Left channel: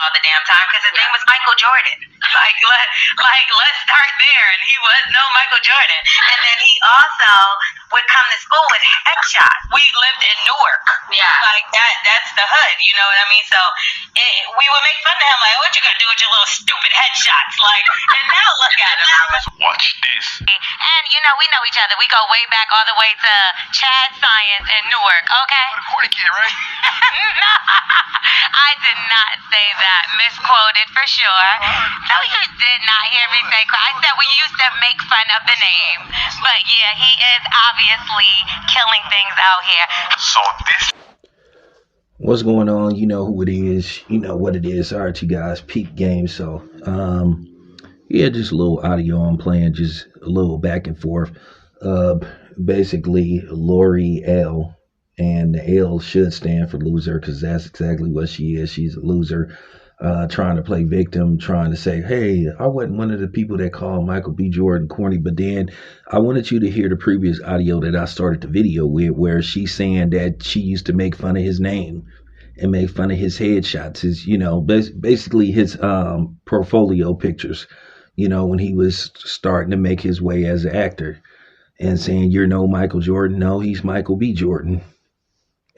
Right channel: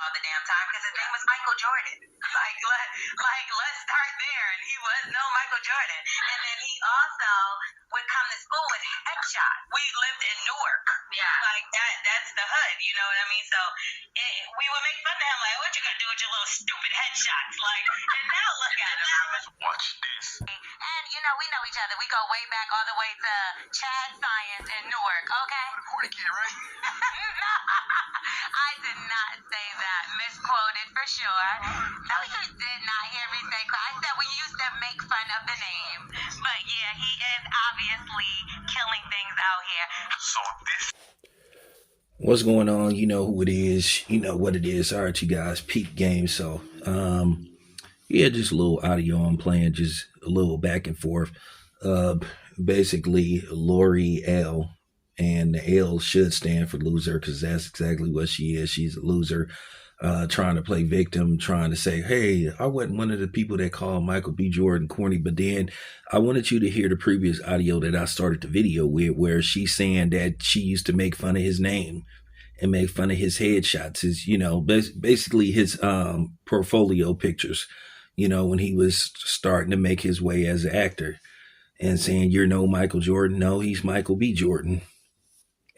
all the damn time because his name was Michael Jordan. Let's start there. And he was no Michael Jordan. And then he also would come to school with headshots. We lived in Newark. Yeah. Like that's the hood, you know what I mean? So we would make fun of him, like, what you gonna do with your little stupid headshots? Like, and now look at him. Watch this. And we know each other. We go way back all the way to Chad Science in Newark, okay? Corny kid, right? No, I did not say that. Misquoted for sure. No, you did not hear me say. I said we used to make fun of the name. But yeah, he is obviously killing things out here. So this. What's going on? You know who it is. You know what it is. All right, you guys. Peak game. So, yeah, just a little audio I'm playing. Just a little back and forth. Basically, Lori L. And the L should stand for loser because that's exactly what she is. She's a loser, trying to play victim, trying to say, hey, I wasn't one of the people that called Michael B. Jordan corny. But then I wanted you to hear the previous audio that I started the video with, where she's saying that she used to make fun of his name and make fun of his headshots, his, basically his portfolio pictures, when he was starting to make his way as an actor, and saying, you're no Michael Jordan. No, he's Michael B. Jordan.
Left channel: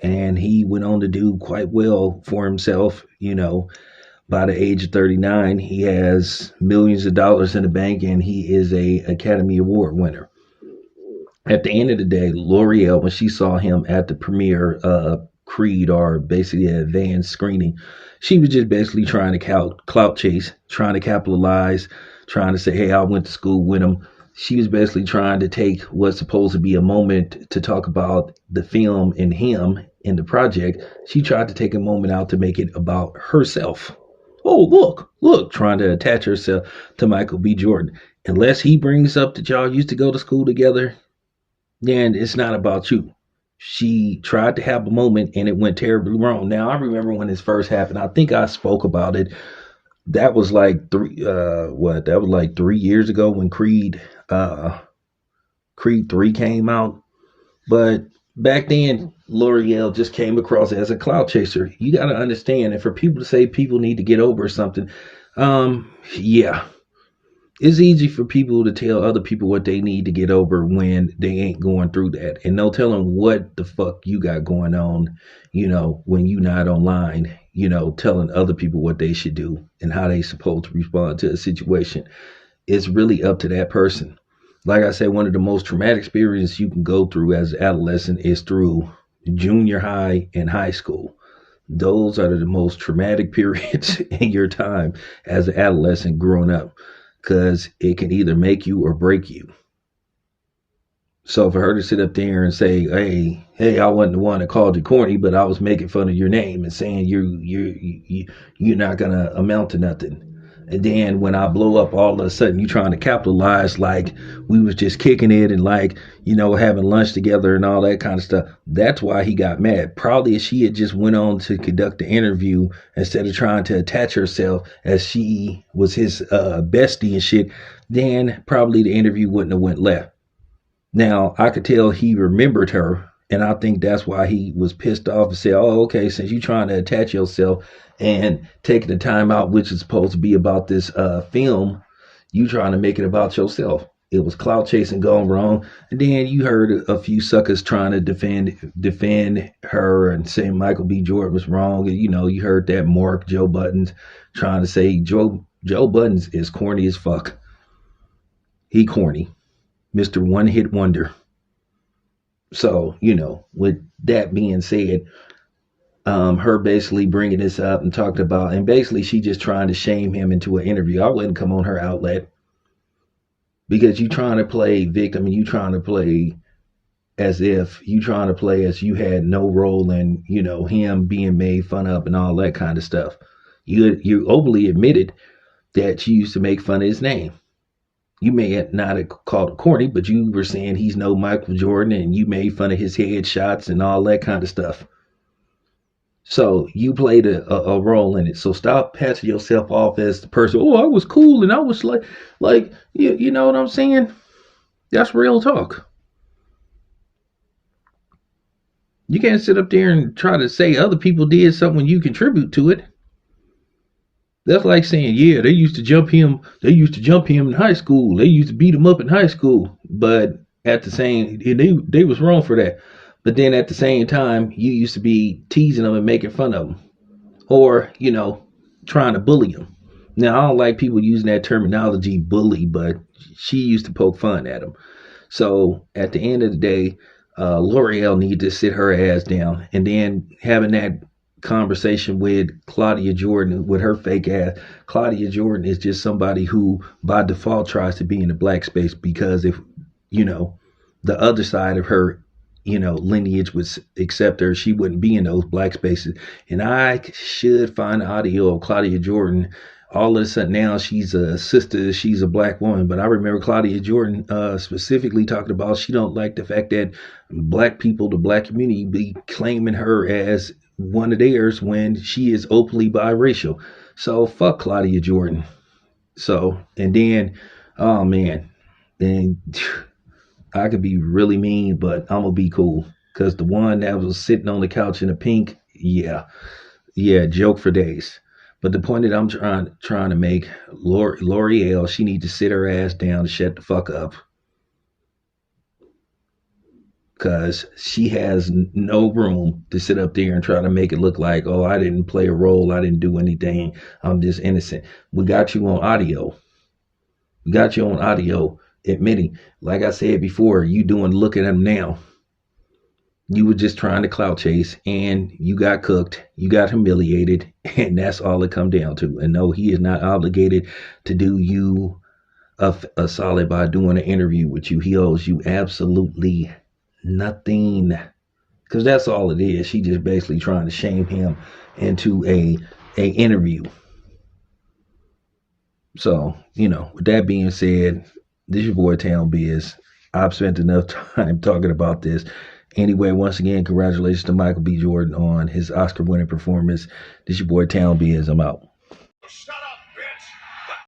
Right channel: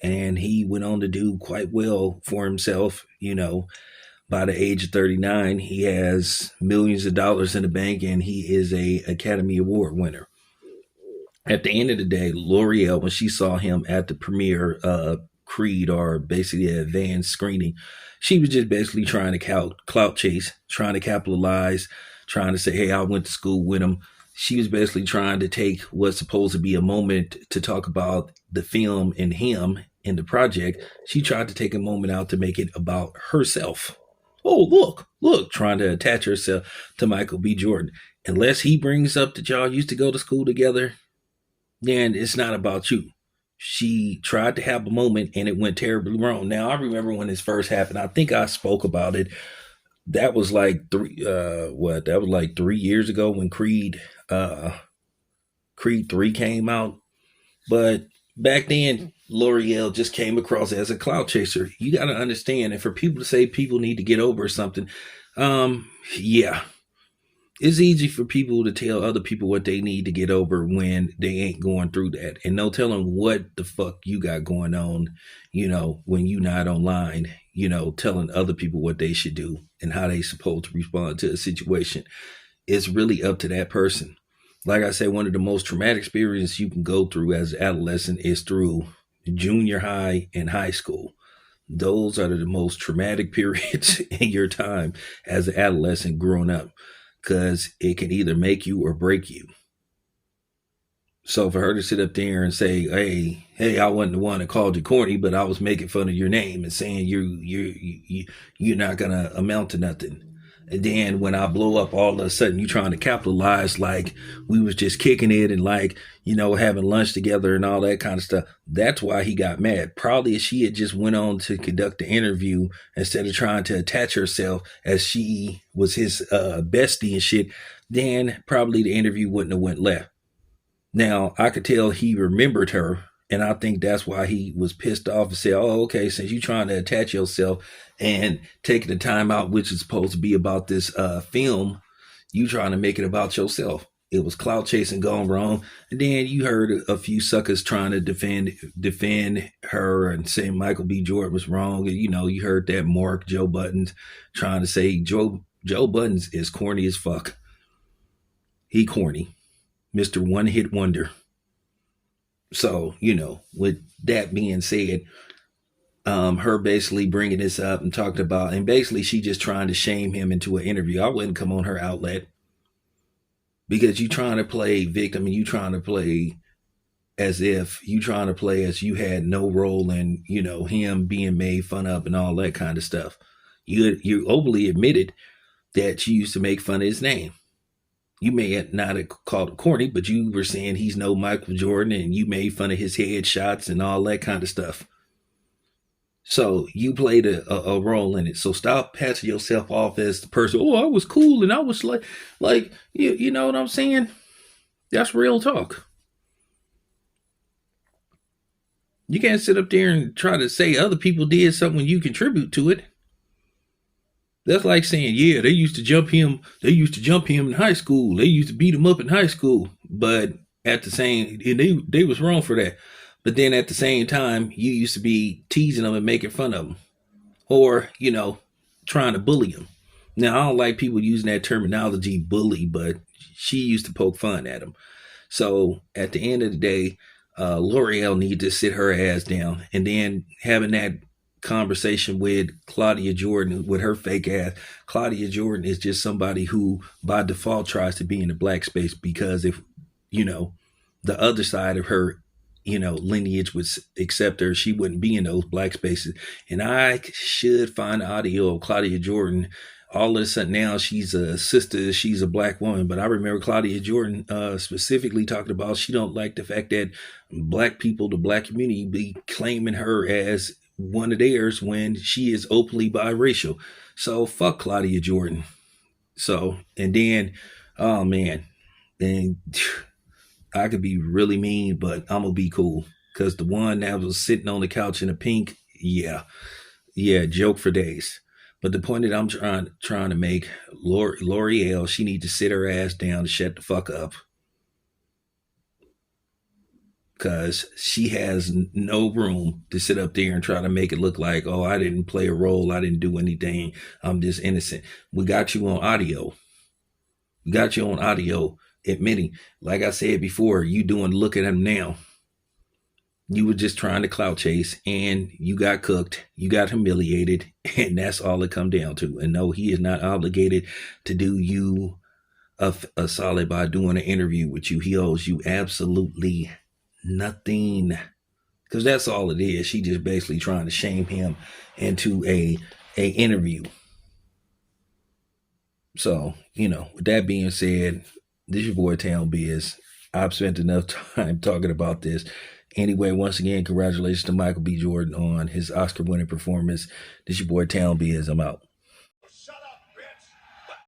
And he went on to do quite well for himself. By the age of 39, he has millions of dollars in the bank, and he is a Academy Award winner. At the end of the day, L'Oreal, when she saw him at the premiere Creed, or basically an advanced screening, she was just basically trying to clout chase, trying to capitalize, trying to say, hey, I went to school with him. She was basically trying to take what's supposed to be a moment to talk about the film and him in the project. She tried to take a moment out to make it about herself. Oh, look, trying to attach herself to Michael B. Jordan. Unless he brings up that y'all used to go to school together, then it's not about you. She tried to have a moment and it went terribly wrong. Now, I remember when this first happened. I think I spoke about it. That was like 3 years ago when Creed 3 came out. But back then, L'Oreal just came across as a clout chaser. You got to understand, and for people to say people need to get over something, yeah. It's easy for people to tell other people what they need to get over when they ain't going through that. And no telling what the fuck you got going on, when you not online, telling other people what they should do and how they supposed to respond to a situation. It's really up to that person. Like I said, one of the most traumatic experiences you can go through as an adolescent is through junior high and high school. Those are the most traumatic periods in your time as an adolescent growing up, because it can either make you or break you. So for her to sit up there and say, hey, I wasn't the one that called you corny, but I was making fun of your name and saying you're not going to amount to nothing. And then when I blow up, all of a sudden you trying to capitalize like we was just kicking it and like, having lunch together and all that kind of stuff. That's why he got mad. Probably if she had just went on to conduct the interview instead of trying to attach herself as she was his bestie and shit, then probably the interview wouldn't have went left. Now, I could tell he remembered her, and I think that's why he was pissed off and said, oh, okay, since you're trying to attach yourself and taking the time out, which is supposed to be about this film, you trying to make it about yourself. It was clout chasing gone wrong. And then you heard a few suckers trying to defend her and saying Michael B. Jordan was wrong. And, you heard that Mark Joe Buttons trying to say Joe Buttons is corny as fuck. He corny. Mr. One Hit Wonder. So, with that being said, her basically bringing this up and talking about, and basically she just trying to shame him into an interview. I wouldn't come on her outlet, because you trying to play victim and you trying to play as you had no role in, him being made fun of and all that kind of stuff. You openly admitted that you used to make fun of his name. You may not have called it corny, but you were saying he's no Michael Jordan and you made fun of his headshots and all that kind of stuff. So you played a role in it. So stop patching yourself off as the person, oh, I was cool and I was like, you know what I'm saying? That's real talk. You can't sit up there and try to say other people did something when you contribute to it. That's like saying, yeah, they used to jump him. They used to jump him in high school. They used to beat him up in high school. But at the same, they was wrong for that. But then at the same time, you used to be teasing them and making fun of them, or trying to bully them. Now I don't like people using that terminology, bully, but she used to poke fun at him. So at the end of the day, L'Oreal needs to sit her ass down, and then having that conversation with Claudia Jordan with her fake ass. Claudia Jordan is just somebody who by default tries to be in the black space, because if the other side of her lineage would accept her, she wouldn't be in those black spaces. And I should find audio of Claudia Jordan. All of a sudden now she's a sister, she's a black woman. But I remember Claudia Jordan specifically talking about she don't like the fact that black people, the black community, be claiming her as one of theirs when she is openly biracial. So fuck Claudia Jordan. So, and then, oh man, and I could be really mean, but I'm gonna be cool, because the one that was sitting on the couch in the pink, yeah, joke for days. But the point that I'm trying to make, L'Oreal, she needs to sit her ass down and shut the fuck up, because she has no room to sit up there and try to make it look like, oh, I didn't play a role, I didn't do anything, I'm just innocent. We got you on audio. Admitting, like I said before, you look at him now. You were just trying to clout chase, and you got cooked, you got humiliated, and that's all it come down to. And no, he is not obligated to do you a solid by doing an interview with you. He owes you absolutely nothing, because that's all it is. She just basically trying to shame him into a interview. So, with that being said, this is your boy Town Biz. I've spent enough time talking about this. Anyway, once again, congratulations to Michael B. Jordan on his Oscar-winning performance. This is your boy Town Biz. I'm out.